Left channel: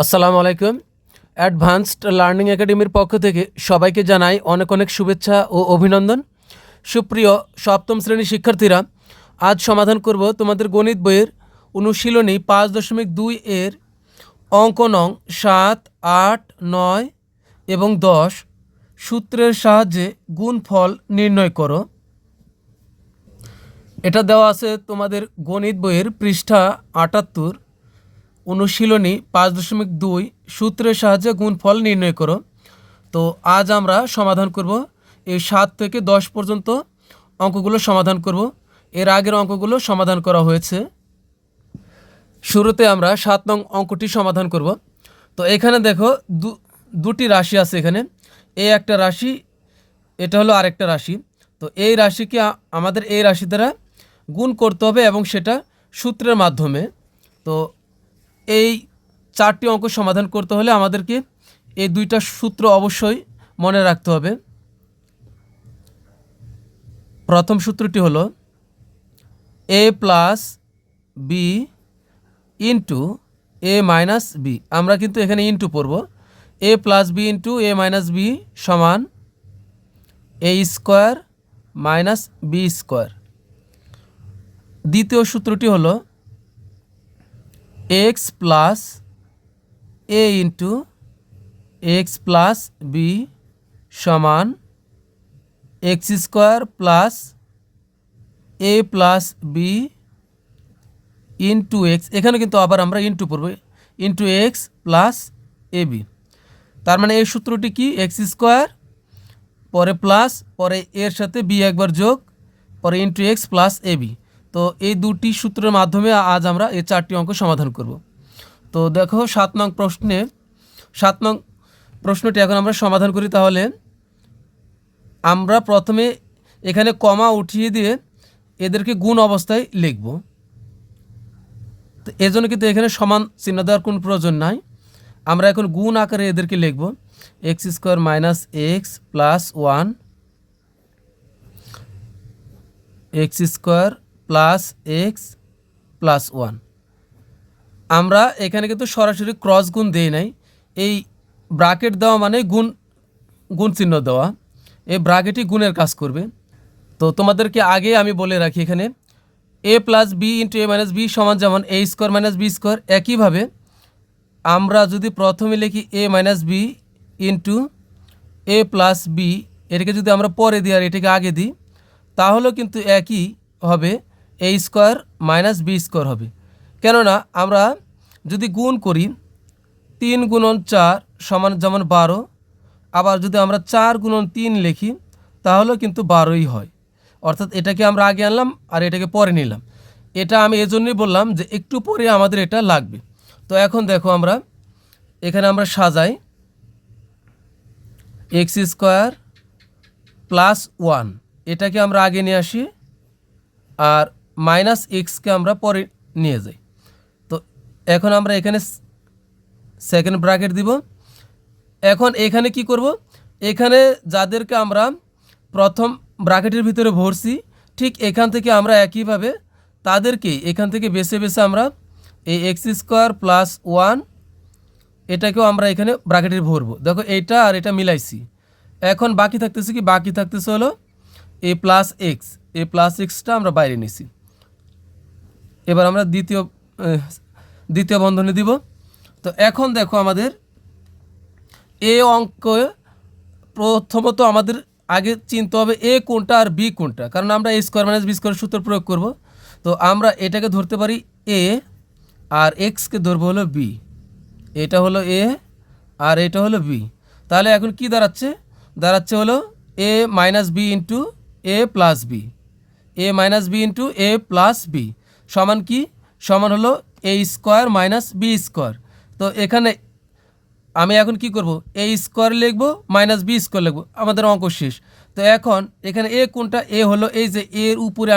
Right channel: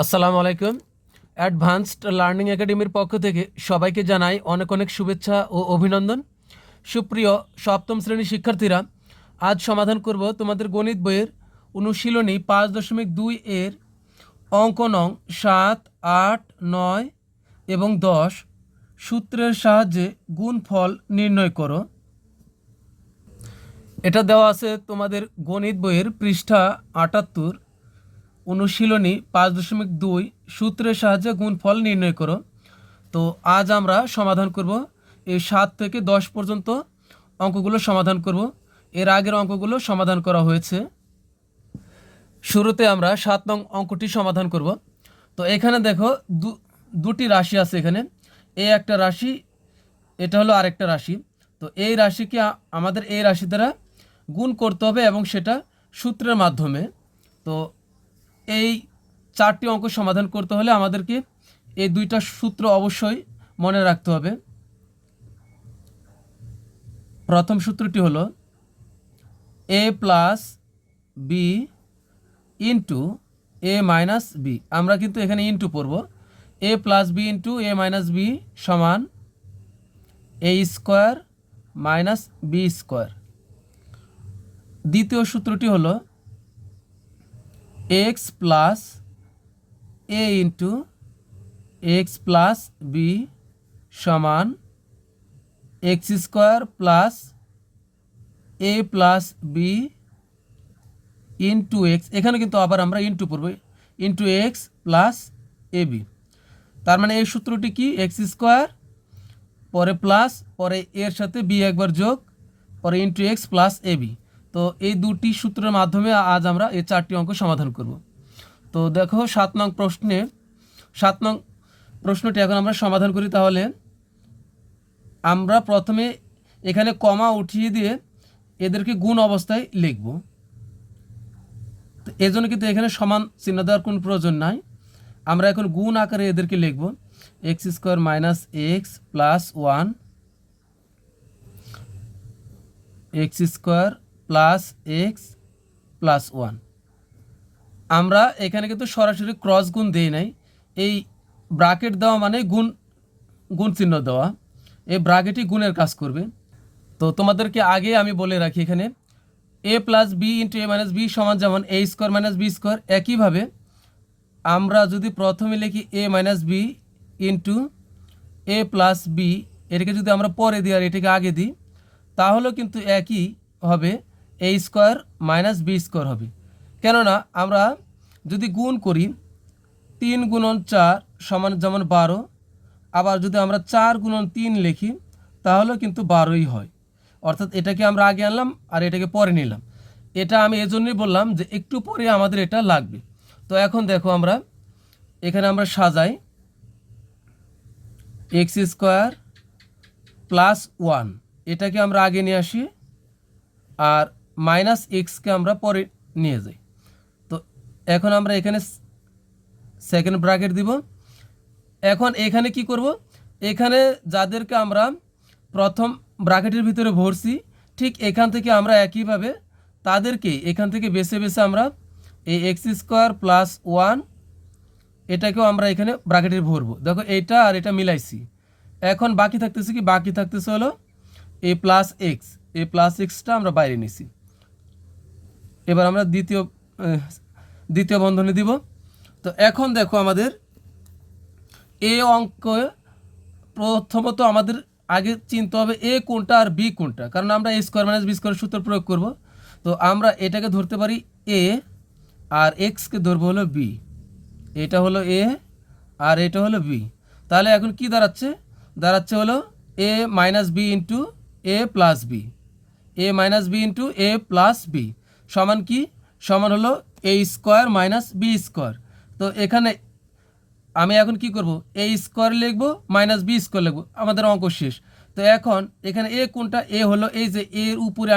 আসসালামু আলাইকুম। Advanced learning একাডেমির পক্ষ থেকে সবাইকে জানাই অনেক অনেক শুভেচ্ছা ও অভিনন্দন। সুপ্রিয় সপ্তম শ্রেণীর শিক্ষার্থীরা, আজ সমাধান করব তোমাদের গণিত বইয়ের অনুশীলনী 5.2 এর অঙ্ক নং 7, 8, 9 এবং 10 সূত্রের সাহায্যে গুণফল নির্ণয় করো। এটা দেওয়া আছে তোমাদের গণিত বইয়ের পৃষ্ঠা 78, অনুশীলনী 5.2 সূত্রের সাহায্যে গুণফল নির্ণয় করো। তো আজ আমরা সমাধান করব এই 7 থেকে 10 পর্যন্ত অঙ্কগুলো সমাধান করব। এর আগের অঙ্কগুলো সমাধান করা হয়েছে। শুরুতে আমরা 7 নং অঙ্কটি সমাধান করব। তো এখানে দেখো দুটি রাশি আছে। এখানে এই একটা রাশি, এটা হলো আরেকটা রাশি। তো এই রাশিকে আমাদের এই রাশি দ্বারা গুণ করতে হবে এবং সেটা সূত্রের মাধ্যমে। তো এই 4টি অঙ্ক সমাধান করতে হলে আমাদেরকে এই দুইটা সূত্র অবশ্যই মনে রাখতে হবে। প্রথম সূত্রটি হলো a plus B into A minus B. আমরা কিন্তু এখানে ইন্টু পড়ব। a plus B into A minus B সমান A square minus B square. দ্বিতীয় সূত্রটি হলো এক্স প্লাস এ ইন্টু এক্স প্লাস বি সমান এক্স স্কোয়ার প্লাস এ প্লাস বি ইন্টু এক্স। এখানে কিন্তু আবার আমরা ইন্টু পড়ব, ইন্টু এক্স প্লাস এ বি। তার মানে এই সূত্রটি কি? এক্স স্কোয়ার পরে প্লাস, পরে এর সাথে বি একবার যোগ, পরে ইন্টু এক্স প্লাস এ বি। তো এই দুটি সূত্রের মাধ্যমে আজ আমরা এই 4টি অঙ্ক সমাধান করব। তো দেখো 7 নং প্রশ্নটি এখন আমরা সমাধান করি। তাহলে আমরা প্রথমে এখানে কমা উঠিয়ে দিয়ে এদেরকে গুণ অবস্থায় লিখব। তো এজন্য কিন্তু এখানে সমান চিহ্ন দেওয়ার কোনো প্রয়োজন নাই। আমরা এখন গুণ আকারে এদেরকে লিখব। X square minus x plus 1, x square plus x plus 1। আমরা এখানে কিন্তু সরাসরি ক্রস গুণ দেই নাই। এই ব্র্যাকেট দেওয়া মানে গুণ চিহ্ন দেওয়া। এই ব্র্যাকেটই গুণের কাজ করবে। তো তোমাদেরকে আগে আমি বলে রাখি, এখানে এ plus B into A minus B সমান যেমন এ স্কোয়ার মাইনাস বি স্কোয়ার, একইভাবে আমরা যদি প্রথমে লিখি এ মাইনাস বি ইন্টু এ প্লাস বি, এটাকে যদি আমরা পরে দিই আর এটাকে আগে দিই, তাহলেও কিন্তু একই হবে, এ স্কোয়ার মাইনাস বি স্কোয়ার হবে। কেননা আমরা যদি গুণ করি 3 গুণন 4 সমান যেমন 12, আবার যদি আমরা 4 গুণন 3 লিখি তাহলেও কিন্তু 12ই হয়। অর্থাৎ এটাকে আমরা আগে আনলাম আর এটাকে পরে নিলাম। এটা আমি এজন্যই বললাম যে একটু পরে আমাদের এটা লাগবে। তো এখন দেখো আমরা এখানে আমরা সাজাই, এক্স স্কোয়ার প্লাস 1 এটাকে আমরা আগে নিয়ে আসি আর মাইনাস এক্সকে আমরা পরে নিয়ে যাই। তো এখন আমরা এখানে সেকেন্ড ব্র্যাকেট দিব। এখন এখানে কি করব? এখানে যাদেরকে আমরা প্রথম ব্র্যাকেটের ভিতরে ভরছি, ঠিক এখান থেকে আমরা একইভাবে তাদেরকে এখান থেকে বেছে বেছে আমরা এই এক্স স্কোয়ার প্লাস 1 এটাকেও আমরা এখানে ব্র্যাকেটের ভরবো। দেখো এইটা আর এটা মিলাইছি। এখন বাকি থাকতেছে কি? বাকি থাকতেছে হলো a plus x. A plus extra আমরা বাইরে নিছি। এবার আমরা দ্বিতীয় বন্ধনী দিব। তো এখন দেখো আমাদের এ অঙ্ক প্রথমত আমাদের আগে চিনতে হবে এ কোনটা আর বি কোনটা, কারণ আমরা এ স্কোয়ার মাইনাস বি স্কোয়ার সূত্র প্রয়োগ করব। তো আমরা এটাকে ধরতে পারি এ আর এক্সকে ধরবো হলো বি। এটা হলো এ আর এটা হলো বি। তাহলে এখন কি দাঁড়াচ্ছে হলো এ মাইনাস বি ইন্টু এ প্লাস বি, এ মাইনাস বি ইন্টু এ প্লাস বি সমান কি? সমান হলো a square minus B square. তো এখানে আমি এখন কি করব? এ স্কোয়ার লিখব মাইনাস বি স্কোয়ার লিখব, আমাদের অঙ্ক শেষ। তো এখন এখানে এ কোনটা? এ হলো এই যে এর উপরে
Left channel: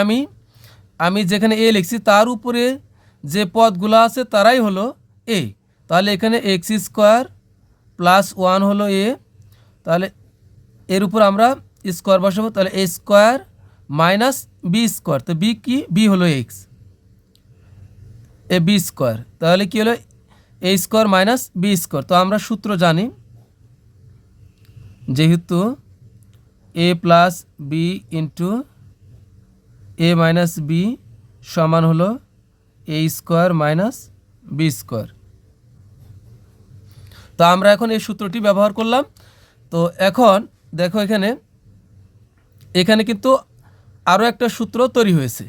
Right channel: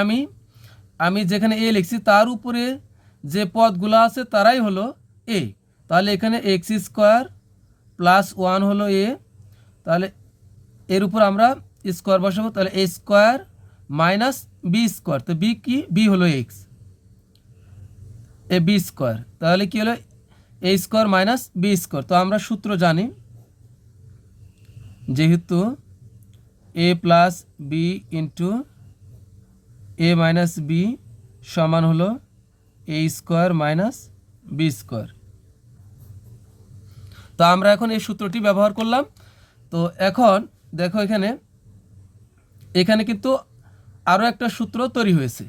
আমি যেখানে এ লিখছি তার উপরে যে পদগুলো আছে তারাই হলো এ। তাহলে এখানে এক্স স্কোয়ার প্লাস 1 হলো এ, তাহলে এর উপর আমরা স্কোয়ার বসাবো। তাহলে এ স্কোয়ার মাইনাস বি স্কোয়ার, তো বি কি? বি হলো এক্স, এ বি স্কোয়ার। তাহলে কি হলো? A square minus B square. তো আমরা সূত্র জানি, যেহেতু এ plus B into A minus B সমান হলো a square minus B square. তো আমরা এখন এই সূত্রটি ব্যবহার করলাম। তো এখন দেখো এখানে কিন্তু আরও একটা সূত্র তৈরি হয়েছে।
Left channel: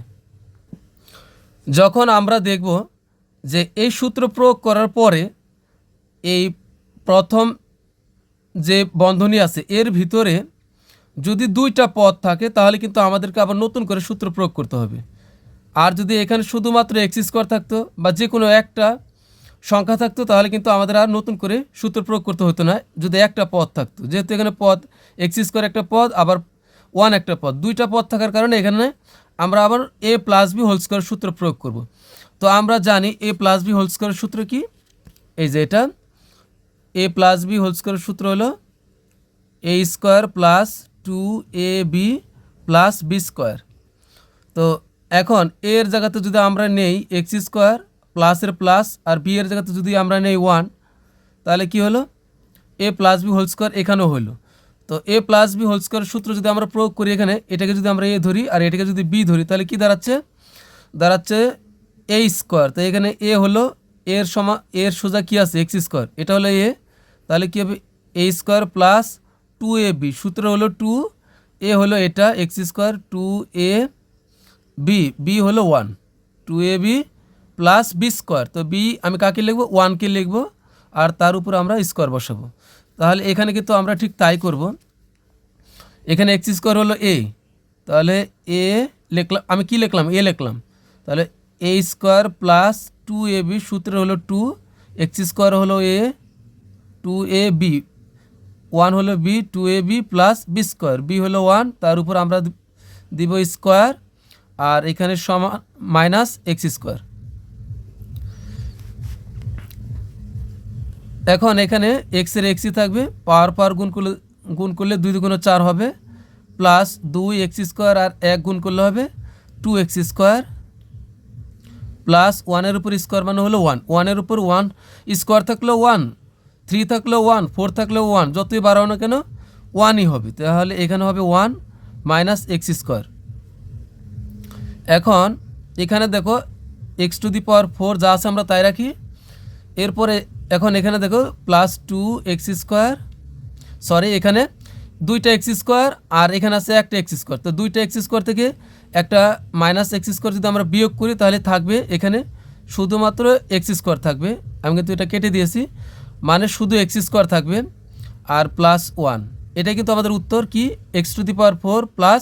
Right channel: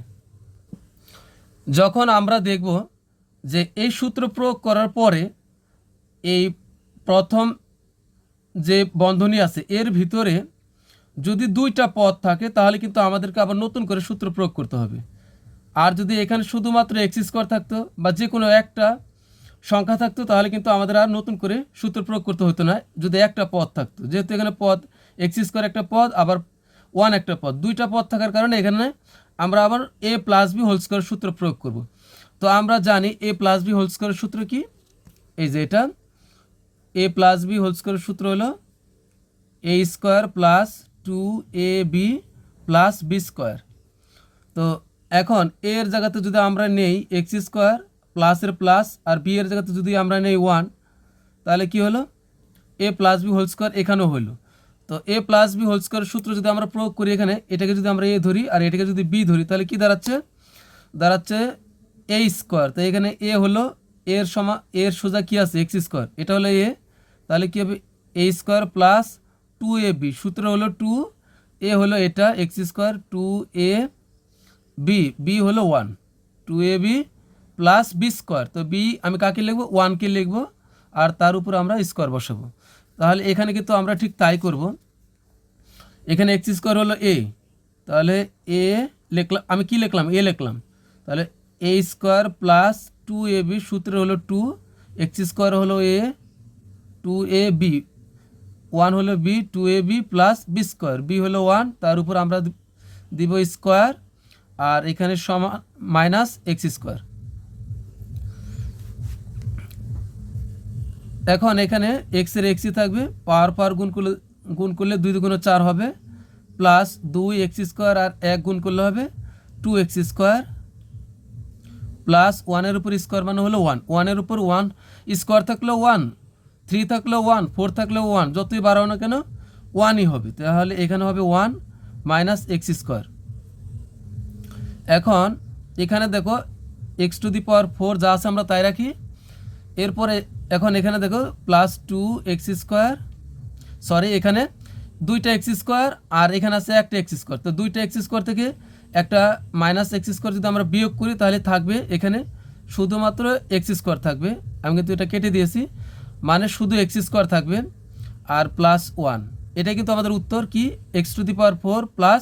যখন আমরা দেখব যে এই সূত্র প্রয়োগ করার পরে এই প্রথম যে বন্ধনী আছে এর ভিতরে যদি দুইটা পদ থাকে তাহলে কিন্তু আমাদেরকে আবার নতুন করে সূত্র প্রয়োগ করতে হবে। আর যদি এখানে শুধুমাত্র এক্স স্কোয়ার থাকতো বা যে কোনো একটা সংখ্যা থাকতো তাহলে কিন্তু আমাদের আর নতুন করে সূত্র প্রয়োগ করতে হতো না, যদি একটা পদ থাকতো। যেহেতু এখানে পদ এক্স স্কোয়ার একটা পদ, আবার ওয়ান একটা পদ, দুইটা পদ থাকার কারণে এখানে আমরা আবার এ প্লাস বি হোল স্কোয়ার সূত্র প্রয়োগ করব। তো আমরা জানি এ প্লাস বি হোল স্কোয়ারের সূত্র কি, এই যে এটা এ প্লাস বি হোল স্কোয়ারের সূত্র হলো a square plus 2ab plus B square. তো এখন এর জায়গাতে যদি আমরা নেই এক্স স্কোয়ার প্লাসের প্লাস, আর বি এর জায়গাতে যদি আমরা নেই 1, তাহলে কি হলো a plus b whole square এখানেও হলো। তো a plus b whole square সূত্র যদি আমরা প্রয়োগ করি এখানে, এটাকে যদি আমরা এ ধরি আর এটাকে যদি বি ধরি তাহলে কি দাঁড়াচ্ছে এ স্কোয়ার। তো এখানে এ হলো এর সোজা কি আছে এক্স স্কোয়ার, এটা হলো এ, তাহলে কি হবে এ স্কোয়ার প্লাস 2ab, সূত্র হলো 2, এ হলো এটা এক্স স্কোয়ার 2ab, বি হলো 1, 2ab প্লাস বি স্কোয়ার। তো বি আমি কাকে লিখবো, 1কে লিখবো, আর তার উপর আমরা স্কোয়ার বসাবো। তাহলে এখানে কিন্তু আমরা ঠিক তাই করব। এখানে এক্স স্কোয়ার হলো এ, তাহলে এ লিখলাম, আমি কি লিখলাম এ লিখলাম, তাহলে এ স্কোয়ার প্লাস 2ab, সূত্র হলো 2, এক্স স্কোয়ার হলো এ, 2ab, 1 হলো B, 2ab plus B square, B হলো 1, তার উপর আমরা দিব স্কোয়ার, আর এখানে সমান মাইনাস এক্স স্কোয়ার। এখন এখানে এক্সের এক্সই থাকবে, পাওয়ার গুণ করলে 2 দুগুণ 4 হবে, প্লাস 2 এক্স স্কোয়ার আর 1 গুণ করলে হবে 2 এক্স স্কোয়ার, প্লাস 1-এর উপর স্কোয়ার মানে হলো 1, 1-এর উপর 1 স্কোয়ার থাকলেও 1, 3 থাকলেও 1, 4 থাকলেও 1, যতই বাড়াও না কেন 1ই হবে। তাহলে এখানে হবে 1 মাইনাস এক্স স্কোয়ার। এখন এখানে দেখো এক্স টু দি পাওয়ার 4 যা আছে আমরা তাই রাখি। এরপরে এখন এখানে দেখো প্লাস 2 এক্স স্কোয়ার, সরি এখানে দুইটা এক্স স্কোয়ার আর এখানে আছে একটা এক্স স্কোয়ার। তো দুইটা এক্স স্কোয়ার থেকে একটা মাইনাস এক্স স্কোয়ার যদি আমরা বিয়োগ করি তাহলে থাকবে এখানে শুধুমাত্র এক্স স্কোয়ার থাকবে, আমি কিন্তু এটা কেটে দিয়েছি, মানে শুধু এক্স স্কোয়ার থাকবে আর প্লাস 1। এটা কিন্তু আমাদের উত্তর কি x two the power 4 plus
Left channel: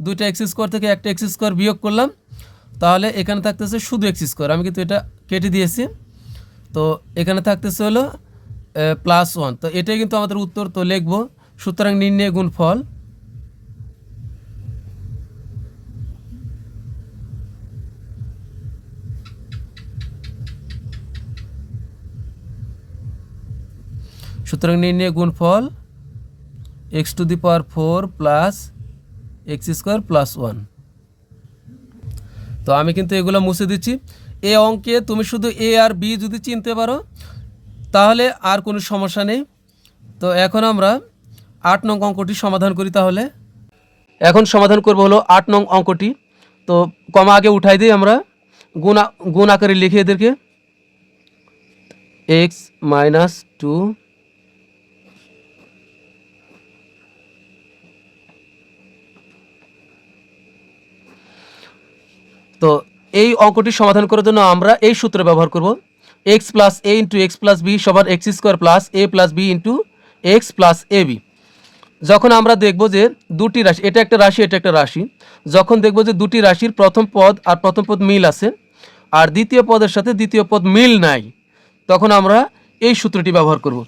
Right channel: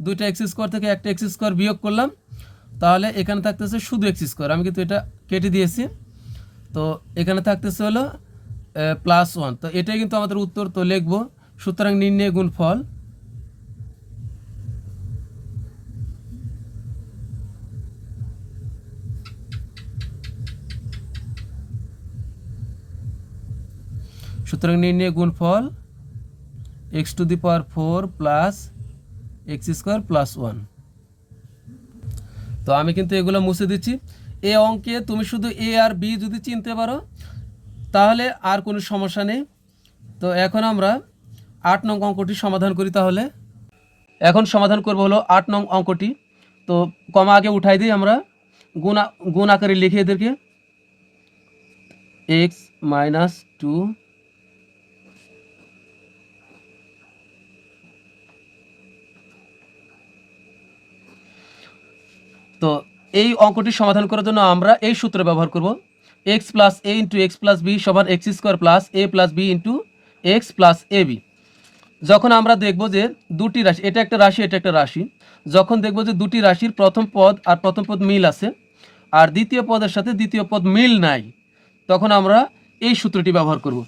দুইটা এক্স স্কোয়ার থেকে একটা এক্স স্কোয়ার বিয়োগ করলাম, তাহলে এখানে থাকতেছে শুধু এক্স স্কোয়ার, আমি কিন্তু এটা কেটে দিয়েছি। তো এখানে থাকতেছে হলো প্লাস 1। তো এটাই কিন্তু আমাদের উত্তর। তো লিখব সুতরাং নির্ণয় গুণফল x two the power 4 plus x square plus 1। তো আমি কিন্তু এগুলো মুছে দিচ্ছি। এ অঙ্কে তুমি শুধু এ আর বি যদি চিনতে পারো তাহলে আর কোনো সমস্যা নেই। তো এখন আমরা 8 নং অঙ্কটি সমাধান করি। তাহলে এখন সমাধান করব হলো 8 নং অঙ্কটি। তো কমা আগে উঠাই দিই, আমরা গুণ আকারে লিখে এদেরকে এক্স মাইনাস 2 তো এই অঙ্কটি সমাধান করার জন্য আমরা এই সূত্র ব্যবহার করব, এক্স প্লাস এ ইন্টু এক্স প্লাস বি সমান এক্স স্কোয়ার প্লাস এ plus B into x plus এ বি। যখন আমরা দেখব যে দুটি রাশি, এটা একটা রাশি এটা একটা রাশি, যখন দেখব যে দুটি রাশির প্রথম পদ আর প্রথম পদ মিল আছে আর দ্বিতীয় পদের সাথে দ্বিতীয় পদ মিল নাই, তখন আমরা এই সূত্রটি ব্যবহার করব।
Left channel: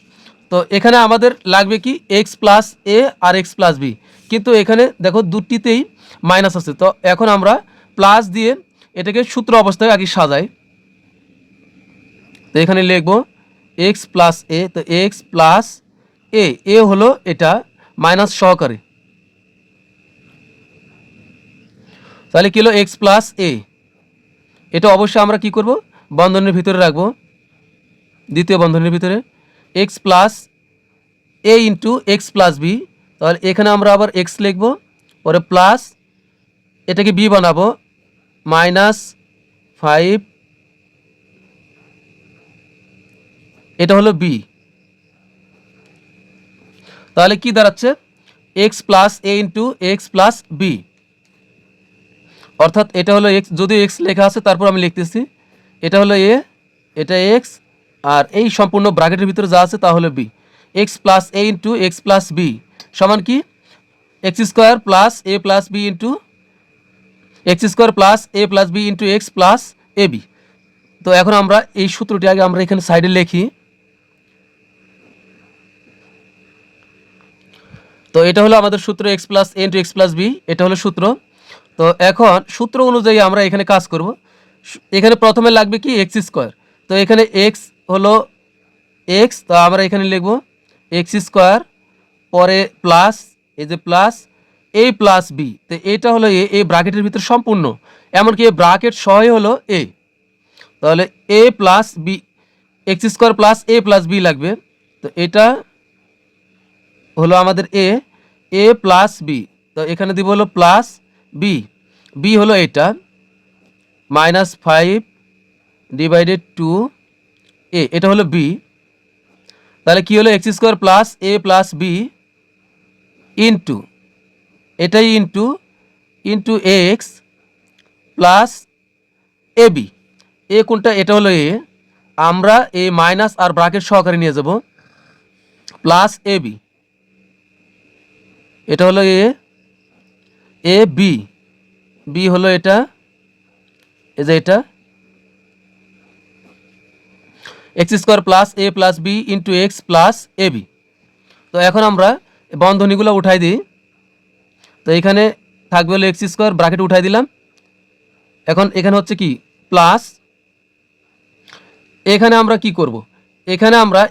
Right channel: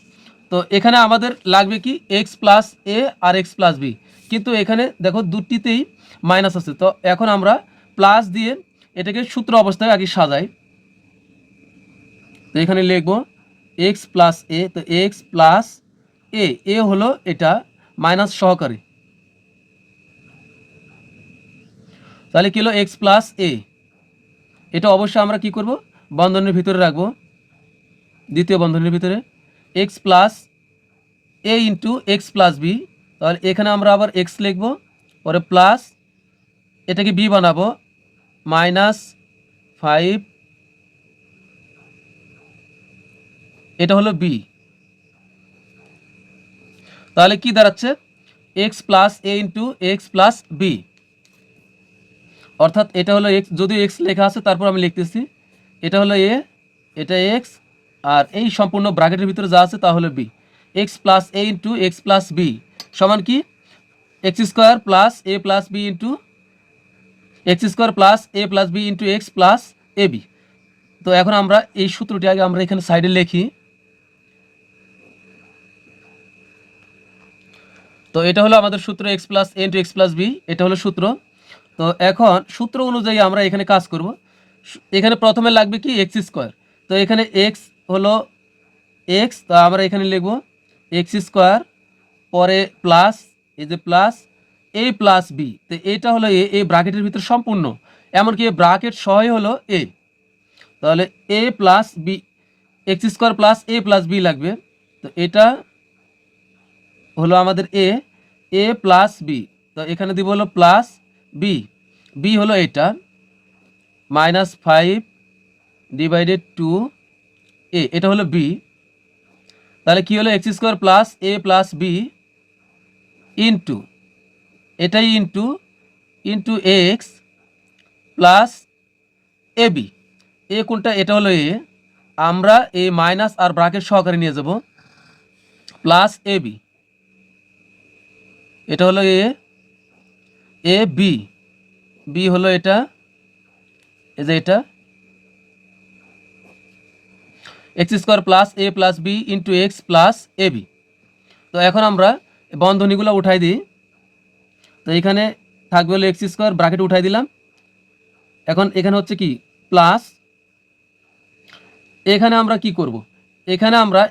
তো এখানে আমাদের লাগবে কি এক্স প্লাস এ আর এক্স প্লাস বি, কিন্তু এখানে দেখো দুটিতেই মাইনাস আছে। তো এখন আমরা প্লাস দিয়ে এটাকে সূত্র অবস্থায় আগে সাজাই। তো এখানে লিখব এক্স প্লাস এ, তো এক্স প্লাস এ হলো এটা মাইনাস সহকারে, তাহলে কি হলো এক্স প্লাস এ, এটা অবশ্যই আমরা কি করব বন্ধনীর ভিতরে রাখবো। দ্বিতীয় বন্ধনীর ভিতরে এক্স প্লাস এ ইন্টু এক্স প্লাস বি, তাহলে এখানে আমরা আবার এক্স লিখব, পরে প্লাস এটাকে বি বানাবো -5, এটা হলো বি। তাহলে কি দাঁড়াচ্ছে এক্স প্লাস এ ইন্টু এক্স প্লাস বি, অর্থাৎ এটা হলো এক্স, যদিও এক্স লেখা আছে তারপর আমি লিখতেছি, এটা হলো এ, এটা এক্স, আর এই সম্পূর্ণ ব্র্যাকেটের ভিতরে যা আছে তা হলো বি। এক্স প্লাস এ ইন্টু এক্স প্লাস বি সমান কি এক্স স্কোয়ার প্লাস এ plus B into x square plus এ plus B into x plus এ বি। তো এখন আমরা এই সূত্রটি আগে আমরা এখানে সাইডে লিখি। তো এটা হলো আমাদের সূত্র এক্স প্লাস এ ইন্টু এক্স প্লাস বি, এটা হলো সূত্র। তো এখন সূত্র অনুযায়ী আমরা এখানে কাজ করব। এখানে প্রথমে লাগবে কি এক্স স্কোয়ার, তো এখানে এক্স হলো এক্স, তো আমরা এখানে লিখব এক্স স্কোয়ার, পরে প্লাস এই যে প্লাস এ প্লাস বি, তো এটা হলো এ ব্র্যাকেটের ভিতরে সম্পূর্ণ, এমনকি এ ব্র্যাকেট সহই হলো এ, তাহলে a plus b, x square plus A plus b লাগবে। তো এটা হলো আমাদের এ প্লাস বি, তো এখানে দিব হলো প্লাস বি, বি হলো এটা -5 ডিভাইডেড 2 এ, এটা হলো বি। তাহলে কি হলো এক্স স্কোয়ার প্লাস এ প্লাস বি ইন্টু এটাই into into x plus A B, এ কোনটা, এটা হলো এ, আমরা এ মাইনাস আর ব্র্যাকেট সহকারে নিয়ে যাব প্লাস এ বি, এটা হলো এ বি, বি হলো এটা, এই যে এটা এক্স স্কোয়ার প্লাস এ plus B into x plus এ বি। তো এখন আমরা বন্ধনীগুলো উঠাই দিই। তো এখানে থাকবে হলো এক্স স্কোয়ার, ব্র্যাকেট উঠাই দিলাম। এখন এখানে হচ্ছে কি প্লাস, এখানে আমরা কি করব, এখানে আমরা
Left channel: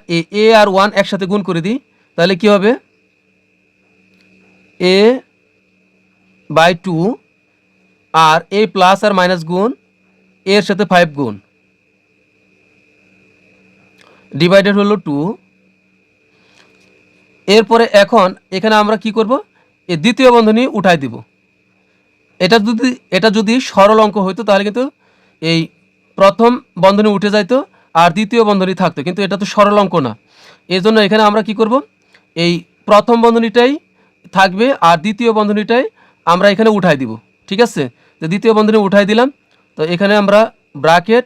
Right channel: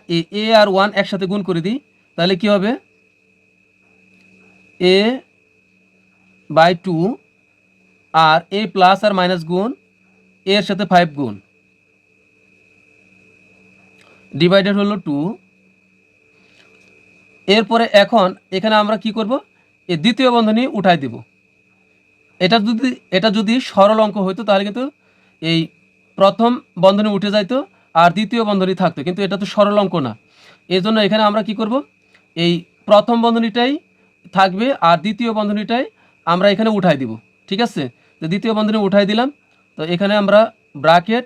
এ আর 1 একসাথে গুণ করে দিই, তাহলে কি হবে a/2, আর এ প্লাস আর মাইনাস গুণ এর সাথে 5 গুণ ডিভাইডেড হলো 2। এরপরে এখন এখানে আমরা কি করব, এই দ্বিতীয় বন্ধনী উঠাই দিব। এটা যদি সরল অঙ্ক হইতো তাহলে কিন্তু এই প্রথম বন্ধনী উঠে যাইতো আর দ্বিতীয় বন্ধনী থাকতো, কিন্তু এটা তো সরল অঙ্ক না, এই জন্য এখানে আমরা কি করব, এই প্রথম বন্ধনীটাই থাকবে আর দ্বিতীয় বন্ধনীটাই আমরা এখানে উঠাই দিব। ঠিক আছে, তো দ্বিতীয় বন্ধনী উঠাই দিলাম। তো এখানে আমরা ব্র্যাকেট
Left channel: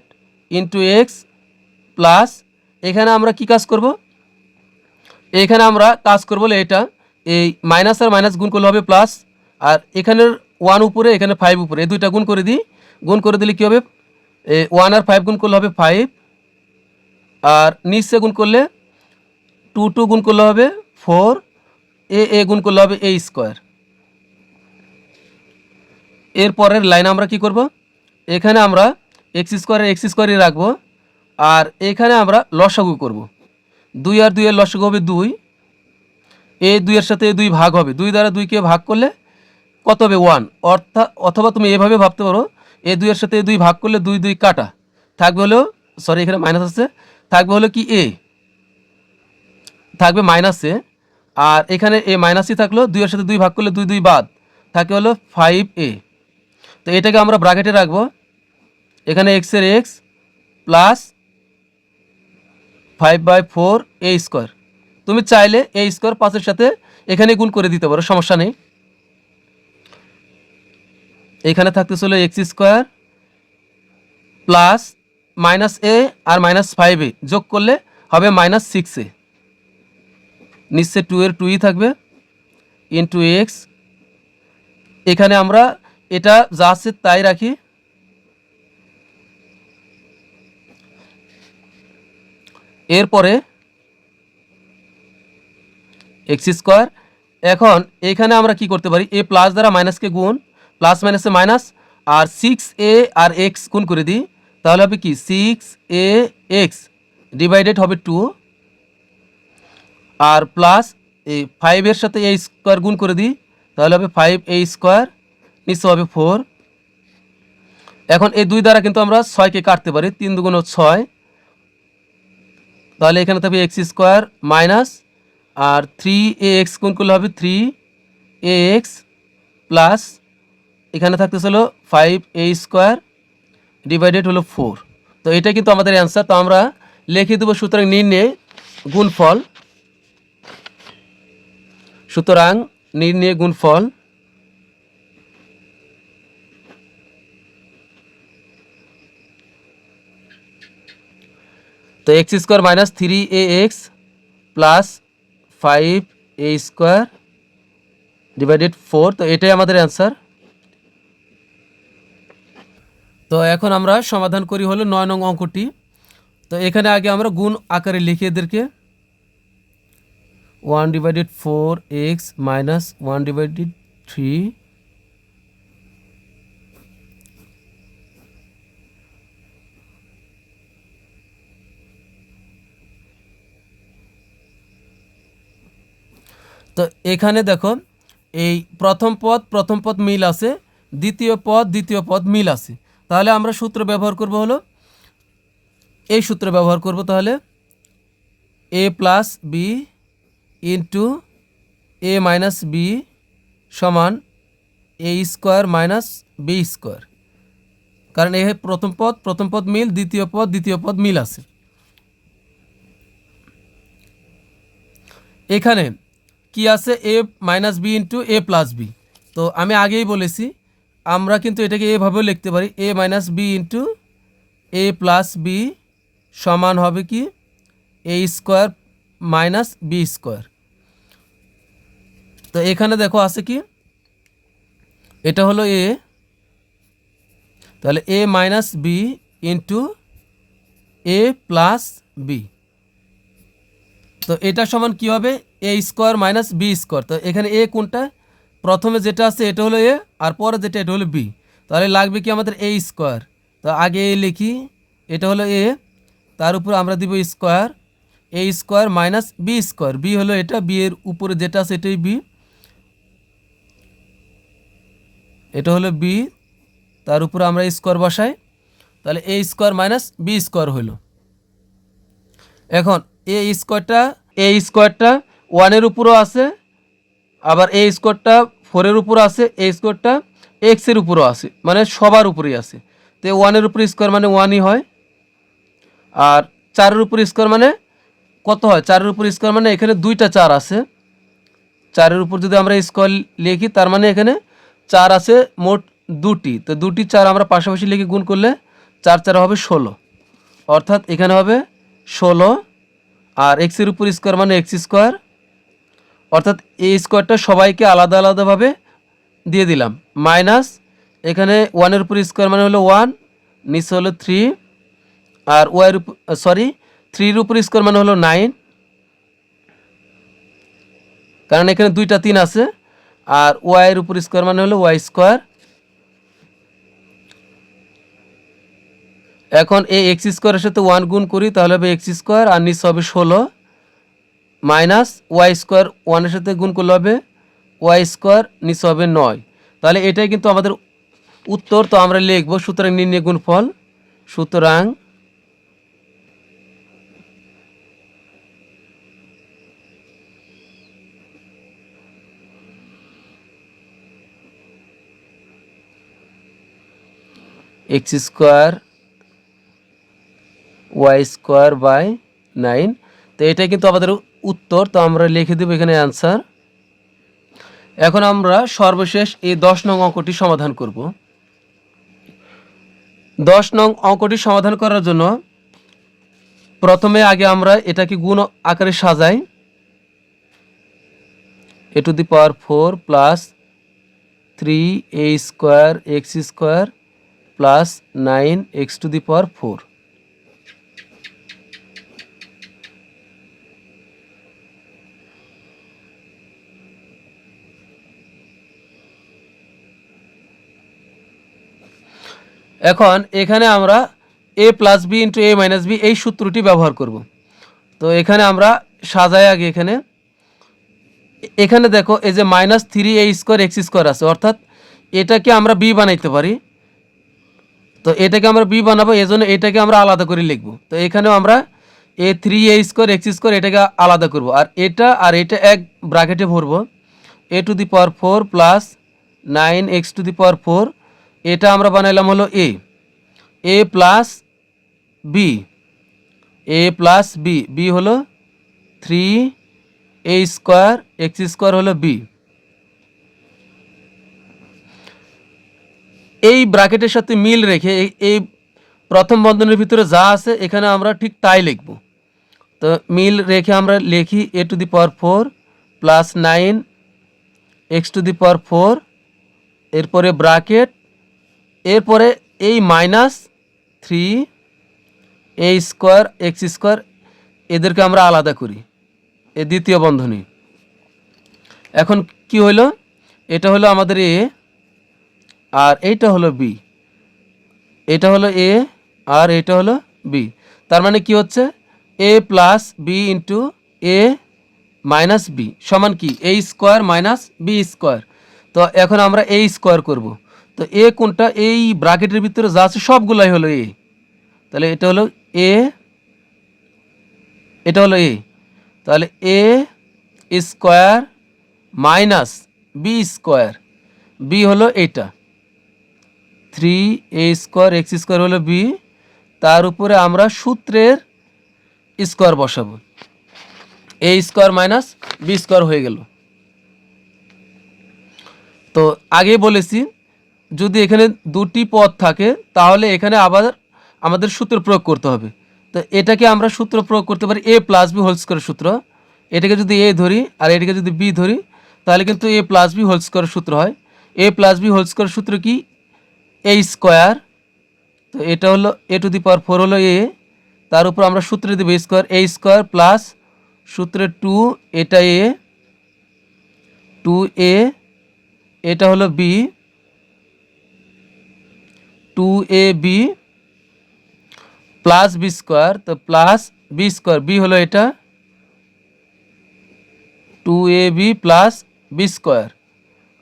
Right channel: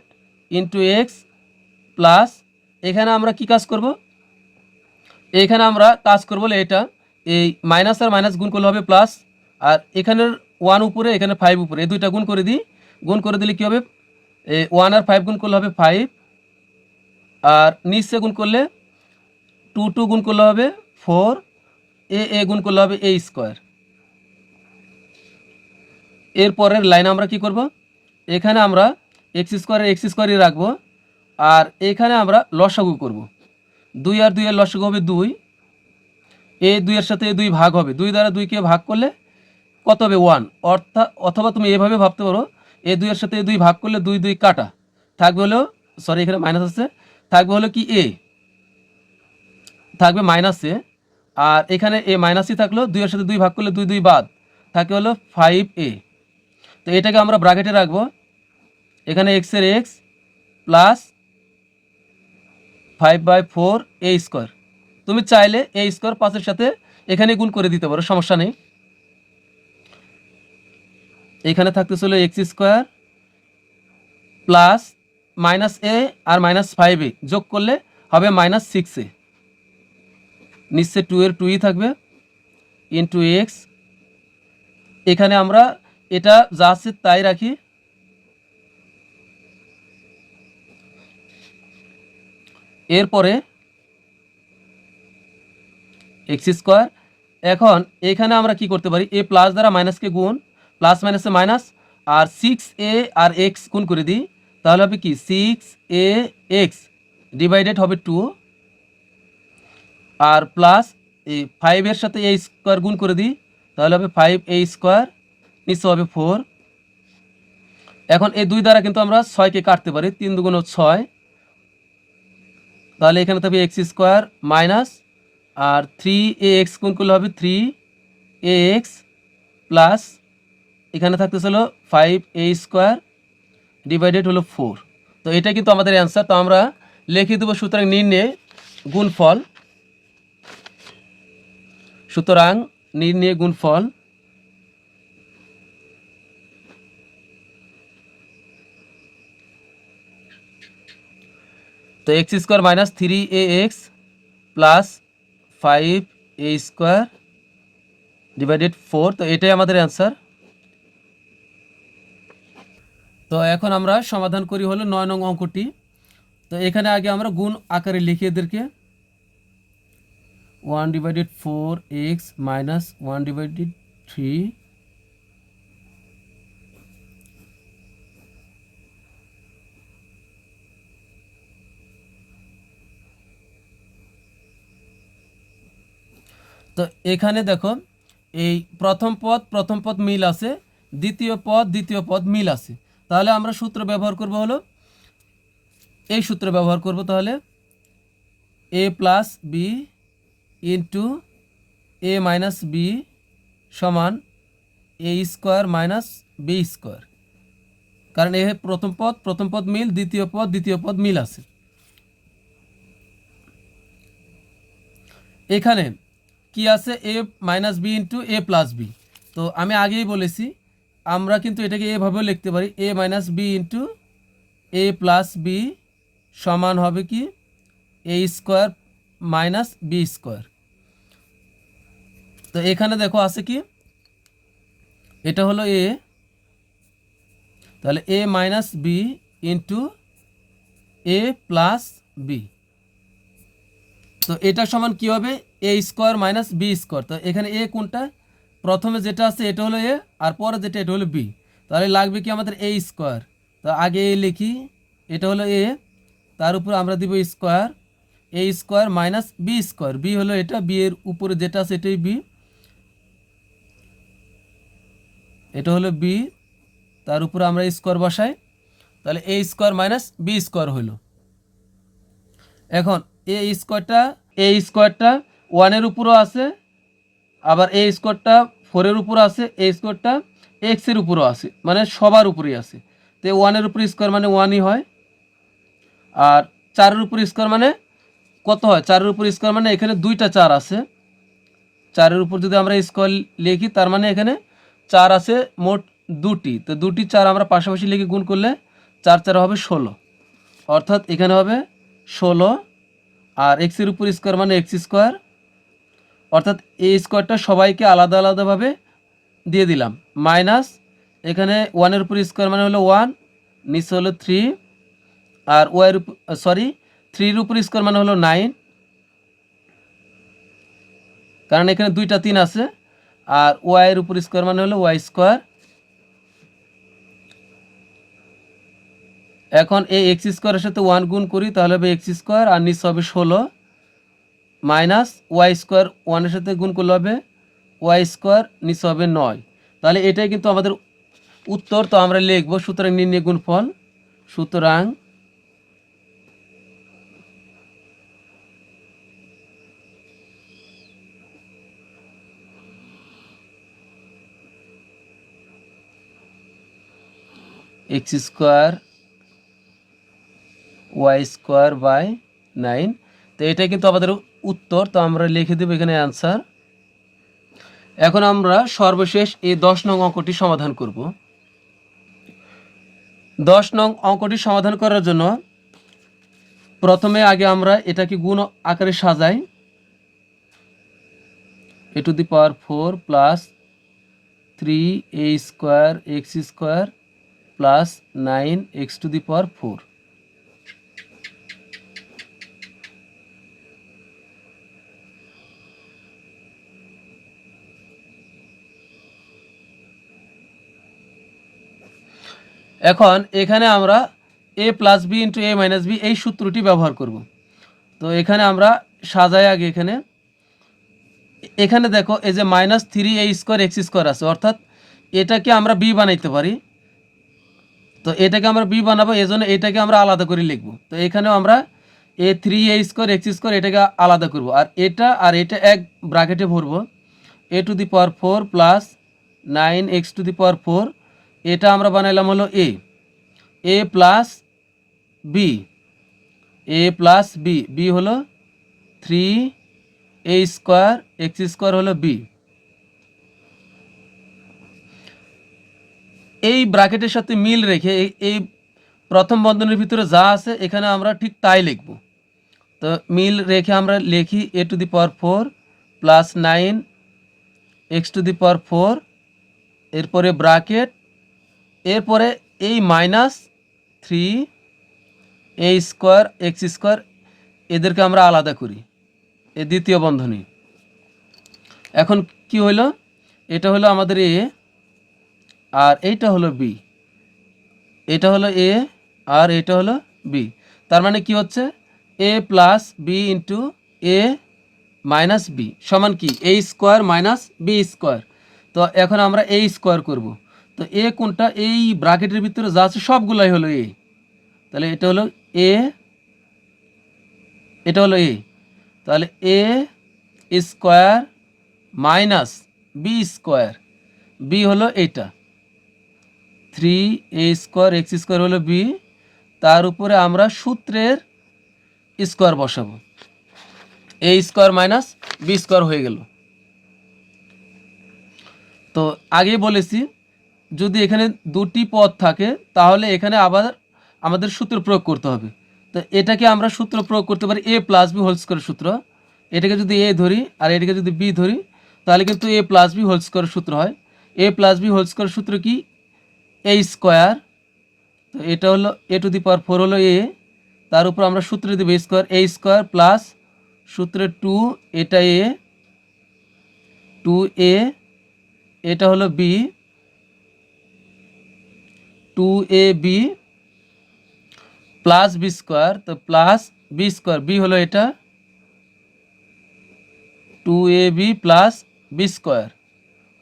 ইন্টু এক্স প্লাস, এখানে আমরা কি কাজ করব, এখানে আমরা কাজ করবো এটা এই মাইনাস আর মাইনাস গুণ করলে হবে প্লাস, আর এখানের 1 উপরে এখানে 5 উপরে, এই দুইটা গুণ করে দিই, গুণ করে দিলে কী হবে 1 আর 5 গুণ করলে হবে 5, আর নিচে গুণ করলে 2 গুণ করলে হবে 4, এ গুণ করলে হবে এ স্কোয়ার। এরপরের লাইন আমরা কি করব, এখানে আমরা এক্স স্কোয়ারই রাখবো, আর এখানে আমরা লসাগু করব, 2 আর 2 এর লসাগু হবে 2, এ 2 এর সাথে 2 ভাগ হবে, 2 দ্বারা 2 কে ভাগ করলে কত হবে 1, অর্থাৎ অথবা তুমি এভাবে ভাবতে পারো এ 2 এর সাথে 2 ভাগ করলে 2 2 কাটা থাকবে হলো, সরি এখানে মাইনাস আছে, থাকবে হলো কি এ, থাকবে মাইনাসে, আর এখানে এ মাইনাসই থাকলো, 2 এর সাথে 2 ভাগ করলে 2 2 বাদ থাকে হলো 5a। তো এটাকে আমরা ব্র্যাকেটে রাখবো, এখানে এক্স এর এক্স প্লাস 5/4 এ স্কোয়ার, তুমি চাইলে এ স্কোয়ার 5-এর সাথে এখানে গুণ করে দিতে পারো, সমস্যা নেই। এখানে থাকতে চলো এক্স স্কোয়ার প্লাস -a আর -5a যোগ করলে হবে -6a, নিচে 2 এর 2ই থাকবে ইন্টু এক্স, এখানে আমরা এটা যা আছে তাই রাখি, এরপরে এক্স স্কোয়ার। এখন এখানে আমরা কি করতে পারি, এ প্লাস দ্বারা মাইনাসকে গুণ, প্লাস মাইনাসে মাইনাস, আর 6a আর এক্স গুণ করে দিই, তাহলে হবে কি 6a এক্স ডিভাইডেড হবে 2, আর প্লাস এই 5 এর সাথে এ স্কোয়ার গুণ করে দিই, তাহলে হবে 5a স্কোয়ার, নিচে হবে 4। এখন এই 2 দ্বারা কিন্তু আমরা 6কে কাটতে পারি, 3 2 6, তাহলে এখানে থাকবে এক্স স্কোয়ার মাইনাস আর 3ax গুণ করলে হবে 3ax প্লাস এখানে থাকতেছে হলো 5a স্কোয়ার ডিভাইডেড হলো 4। তো এটা কিন্তু আমাদের অ্যান্সার। তো আমরা লিখে দেবো সুতরাং নির্ণয়ে গুণফল, সুতরাং নির্ণয়ে গুণফল তো x square minus 3ax plus 5a square divided 4। তো এটাই আমাদের অ্যান্সার। তো এখন আমরা সমাধান করি হলো 9 নং অঙ্কটি। তো এখানে আগে আমরা গুণ আকারে লিখে এদেরকে 1/4x মাইনাস 1/3 তো এখানে দেখো এই প্রথম পদ মিল আছে, দ্বিতীয় পদ মিল আছে। তাহলে আমরা সূত্র ব্যবহার করব হলো এই সূত্র ব্যবহার করব। তাহলে a plus B into a minus B সমান a square minus B square, কারণ এ প্রথম পদ মিল, দ্বিতীয় পদ মিল আছে। এখানে কি আছে a minus B into a plus B. তো আমি আগেই বলেছি আমরা কিন্তু এটাকে এভাবেও লিখতে পারি, a minus B into a plus B সমান হবে কি a square minus B square. তো এখানে দেখো আছে কি, এটা হলো a, তাহলে a minus B into a plus B. তো এটা সমান কি হবে a square minus B square. তো এখানে a কোনটা, প্রথমে যেটা আছে এটা হলো a আর পরে যেটা এটা হলো b। তাহলে লাগবে কি আমাদের a স্কোয়ার। তো আগে a লিখি, এটা হলো a, তার উপর আমরা দিব square, a square minus B square, B হলো এটা, বি এর উপরে যেটা আছে এটাই বি, এটা হলো বি, তার উপর আমরা স্কোয়ার বসাই। তাহলে a square minus B square হলো। এখন a স্কোয়ারটা 1-এর উপরও আছে, আবার a স্কোয়ারটা 4-এর উপরও আছে, a স্কোয়ারটা x-এর উপরও আছে, মানে সবার উপরেই আছে। তো 1-এর উপর স্কোয়ার মানে 1ই হয়, আর 4-এর উপর স্কোয়ার মানে কত হয়, 4-এর উপর স্কোয়ার মানে এখানে 2টা 4 আছে, 4-এর উপর যদি আমরা স্কোয়ার লিখি তার মানে এখানে 4 আছে মোট 2টি। তো 2টি 4 আমরা পাশাপাশি লিখে গুণ করলে 4 4 হবে 16, অর্থাৎ এখানে হবে 16। আর এক্সের উপর স্কোয়ার মানে এক্স স্কোয়ার, অর্থাৎ এই স্কোয়ারটা সবাইকে আলাদা আলাদাভাবে দিয়ে দিলাম, মাইনাস এখানে 1-এর উপর স্কোয়ার মানে হলো 1, নিচে হলো 3, আর 3-এর উপর স্কোয়ার মানে হলো 9, কারণ এখানে 2টা 3 আছে, আর ওয়াইয়ের উপর স্কোয়ার মানে হলো ওয়াই স্কোয়ার। এখন এই এক্স স্কোয়ারের সাথে 1 গুণ করি, তাহলে হবে এক্স স্কোয়ার, আর নিচে হবে 16 মাইনাস ওয়াই স্কোয়ার, 1-এর সাথে গুণ করলে হবে ওয়াই স্কোয়ার, নিচে হবে 9। তাহলে এটাই কিন্তু আমাদের উত্তর। তো আমরা লিখব সুতরাং নির্ণয় গুণফল, সুতরাং X square Y square by 9। তো এটাই কিন্তু আমাদের উত্তর। তো আমরা লিখে দেব এখানে অ্যান্সার। এখন আমরা সর্বশেষ এই 10 নং অঙ্কটি সমাধান করব। 10 নং অঙ্কটি সমাধান করার জন্য প্রথমে আগে আমরা এটাকে গুণ আকারে সাজাই, a to the power 4 plus 3a square x square plus 9x to the power 4। এখন এখানে আমরা a plus B into a minus b এই সূত্রটি ব্যবহার করব। তো এখানে আমরা সাজাই আগে, এখানে দেখো এই যে minus 3a square x square আছে, অর্থাৎ এটাকে আমরা বি বানাইতে পারি। তো এটাকে আমরা বি বানাবো, এজন্য এটাকে আমরা আলাদা করে লিখব। তো এখানেও আমরা এ 3a² x² এটাকে আলাদা করব, আর এটা এক ব্র্যাকেটে ভরবো। a⁴ প্লাস 9x⁴, এটা আমরা বানাইলাম হলো a প্লাস b বি হলো 3a² x² হলো b। এই ব্র্যাকেটের সাথে মিল রেখে এই প্রথম বন্ধনীর ভিতরে যা আছে এখানে আমরা ঠিক তাই লিখব। তো মিল রেখে আমরা লিখি a⁴ প্লাস 9x⁴, এরপরে ব্র্যাকেট, এরপরে এই মাইনাস 3a² x², এদেরকে আমরা আলাদা করি, এই দ্বিতীয় বন্ধনী। এখন কি হলো, এটা হলো আমাদের a আর এইটা হলো b, এটা হলো a আর এটা হলো b। তার মানে কি হচ্ছে, a plus B into a minus B সমান কি a² মাইনাস b²। তো এখন আমরা a² করব। তো a কোনটা, এই ব্র্যাকেটের ভিতরে যা আছে সবগুলাই হলো a, তাহলে এটা হলো a, এটা হলো a, তাহলে a² মাইনাস b², b হলো এটা 3a² x² হলো b, তার উপরে আমরা সূত্রের স্কোয়ার বসাবো, a² মাইনাস b² হয়ে গেল। তো আগেই বলেছি যদি এখানে দুটি পদ থাকে তাহলে এখানে আবার আমাদের সূত্র প্রয়োগ করতে হবে। তো এটাকে আমরা সূত্র প্রয়োগ করতে পারি a প্লাস বি হোল স্কোয়ারের সূত্র। এটাকে যদি a ধরি আর এটাকে যদি b ধরি তাহলে কিন্তু a প্লাস বি হোল স্কোয়ারের সূত্র হয়। a প্লাস বি হোল স্কোয়ারের সূত্র কি, a²। তো এটা হলো a⁴ হলো a, তার উপর আমরা সূত্রে দেবো a² প্লাস সূত্রে 2, এটা a 2a, এটা হলো b 2ab প্লাস b², তো প্লাস b², b হলো এটা 2ab প্লাস b²,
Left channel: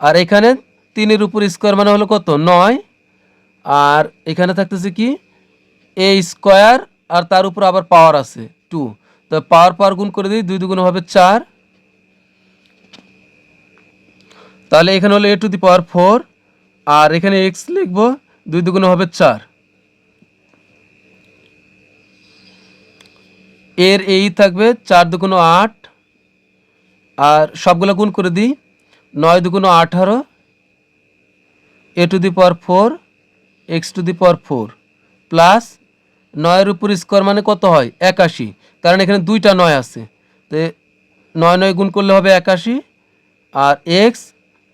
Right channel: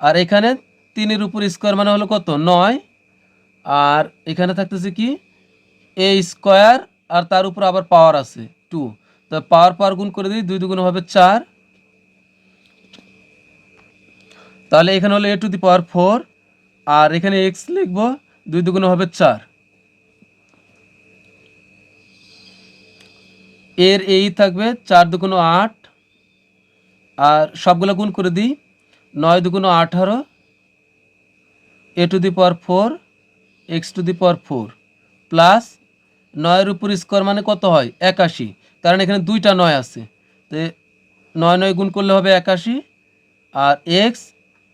আর এখানে 3-এর উপর স্কোয়ার মানে হলো কত 9, আর এখানে থাকতেছে কি a² আর তার উপর আবার পাওয়ার আছে 2, তো পাওয়ার গুণ করে দিই, 2 2 হবে 4, তাহলে এখানে হলো a⁴, আর এখানে x লিখবো, 2 2 হবে 4, এর এই থাকবে 4 2 8, আর সবগুলো গুণ করে দিই, 9 2 18, a⁴ x⁴, প্লাস 9-এর উপর স্কোয়ার মানে কত হয় 81, কারণ এখানে দুইটা 9 আছে, তো 9 9 গুণ করলে হবে 81, আর x,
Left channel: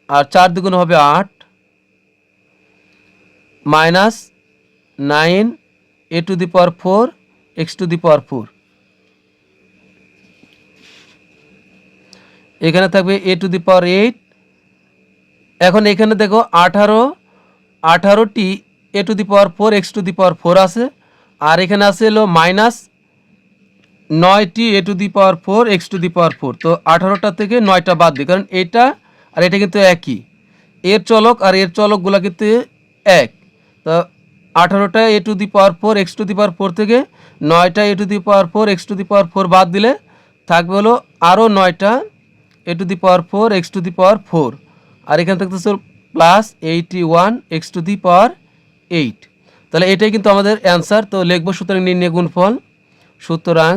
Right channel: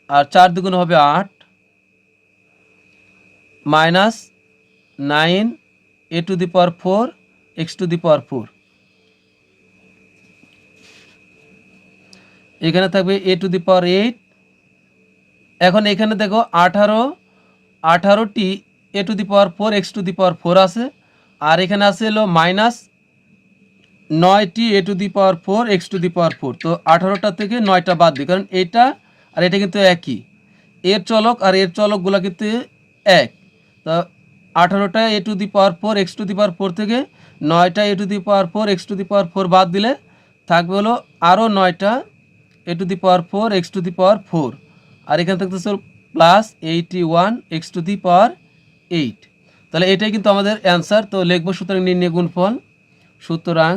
আর 4 2 হবে 8, মাইনাস 9 a⁴ x⁴, এখানে থাকবে a⁸। এখন এখানে দেখো 18টি a⁴ x⁴ আছে, আর এখানে আছে হলো মাইনাস 9টি a⁴ x⁴, তো 18টা থেকে 9টা বাদ দিই, কারণ এটা আর এটা কিন্তু একই, এর চলক আর এর চলকগুলো কিন্তু এক। তো 18টা a⁴ x⁴ থেকে 9টা a⁴ x⁴ বাদ দিলে থাকবে হলো আরও 9টা a⁴ x⁴, আর এখানে থাকতেছে প্লাস 81 x⁴, তাহলে এটাই কিন্তু আমাদের অ্যান্সার। তো লিখবো সুতরাং নির্ণয় গুণফল, সুতরাং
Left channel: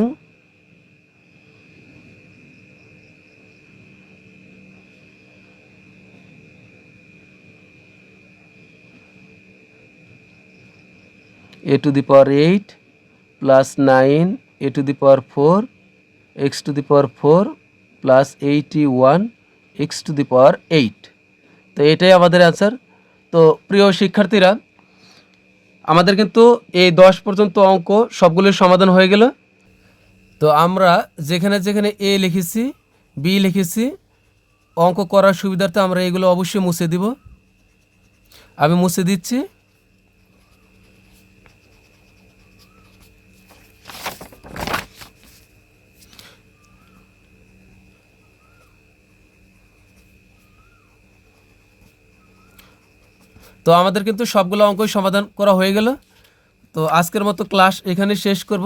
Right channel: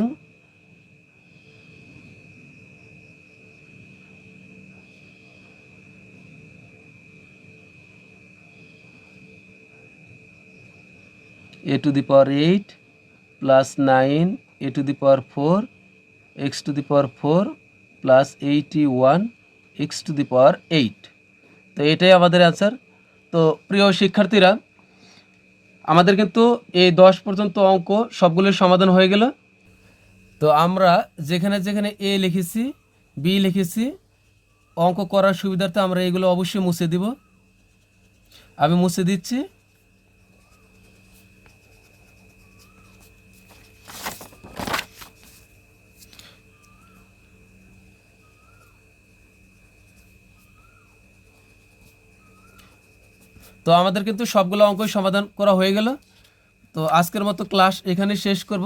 a⁴ plus 9 a⁴ x⁴ plus 81 x⁴। তো এটাই আমাদের অ্যান্সার। তো প্রিয় শিক্ষার্থীরা, আমাদের কিন্তু এই 10 পর্যন্ত অঙ্ক সবগুলোর সমাধান হয়ে গেল। তো আমরা যেখানে যেখানে এ লিখেছি, বি লিখেছি, অঙ্ক করার সুবিধার্থে আমরা এগুলো অবশ্যই মুছে দিব। আমি মুছে দিচ্ছি। তো আমাদের কিন্তু সবগুলো অঙ্কই সমাধান করা হয়ে গেল। তো আজকের মতো ক্লাস এখানে শেষ করব।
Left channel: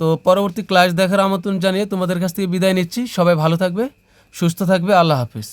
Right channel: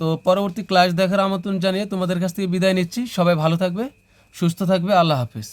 তো পরবর্তী ক্লাস দেখার আমন্ত্রণ জানিয়ে তোমাদের কাছ থেকে বিদায় নিচ্ছি। সবাই ভালো থাকবে, সুস্থ থাকবে। আল্লাহ হাফেজ।